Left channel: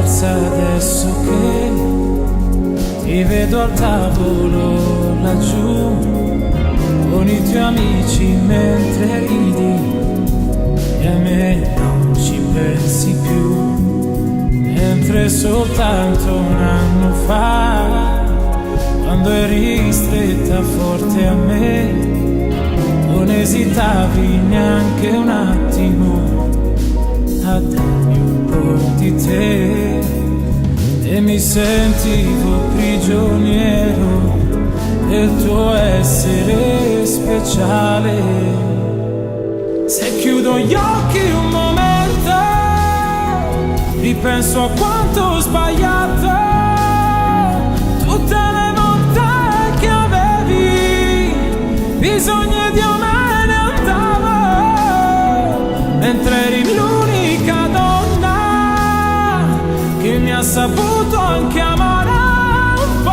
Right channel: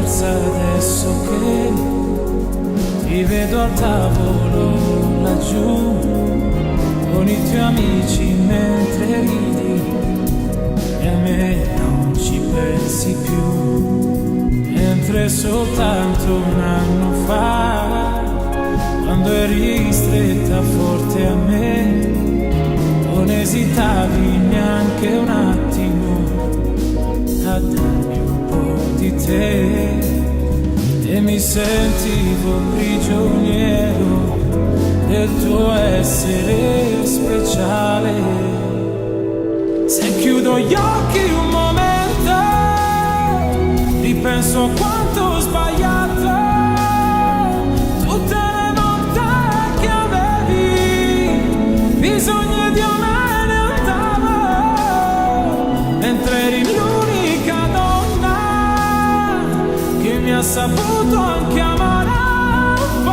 diversa adesso che ti vedo al tavolo laggiù con i tuoi amici mentre ridi e a me non ci pensi più. Mentre soltanto un anno fa, quando eri stretta forte a me, non esitavi neanche un attimo a darmi un po' di te. E mi sentivo prigioniero del tuo essere speciale. Se chiudo gli occhi un momento, ripenso a quanto ho sbagliato, tutte le volte che avevi bisogno di me ne andavo, mentre eri l'unica donna che mi ha saputo anche amare un po'.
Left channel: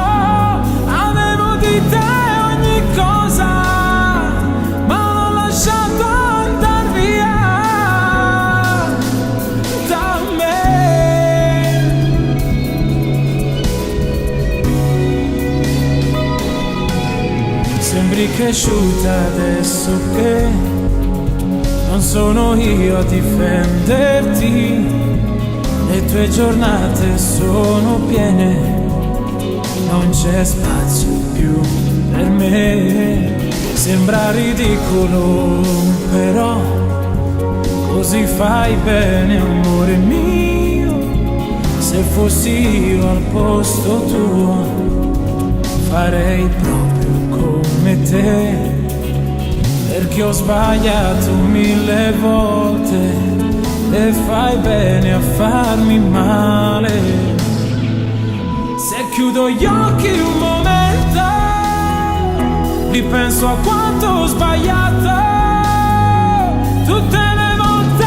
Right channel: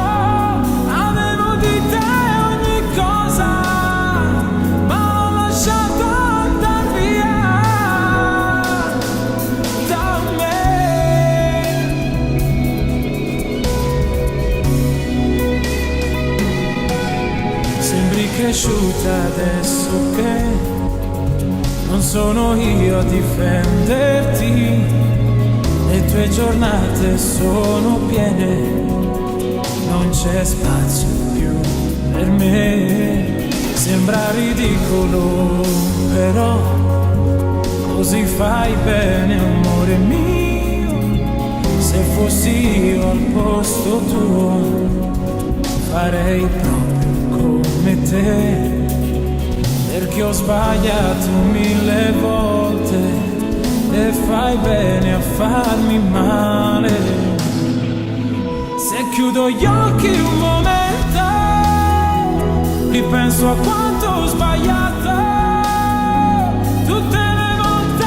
Avevo di te ogni cosa, ma l'ho lasciato andar via da me. Sembri cresciuta adesso che non sono io a difenderti. Le tue giornate sono piene, non c'è spazio più per me. Sembra ridicolo, però così fai bene, amore mio. Se fossi io al posto tuo, farei proprio come te, perché ho sbagliato 1000 volte e fai bene a farmi male. Se chiudo gli occhi un momento, ripenso a quanto ho sbagliato, tutte le volte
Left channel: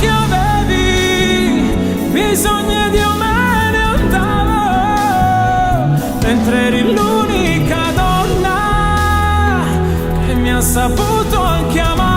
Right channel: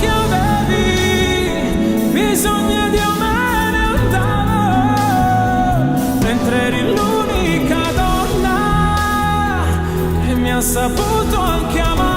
che avevi bisogno di me ne andavo, mentre eri l'unica donna che mi ha saputo anche amare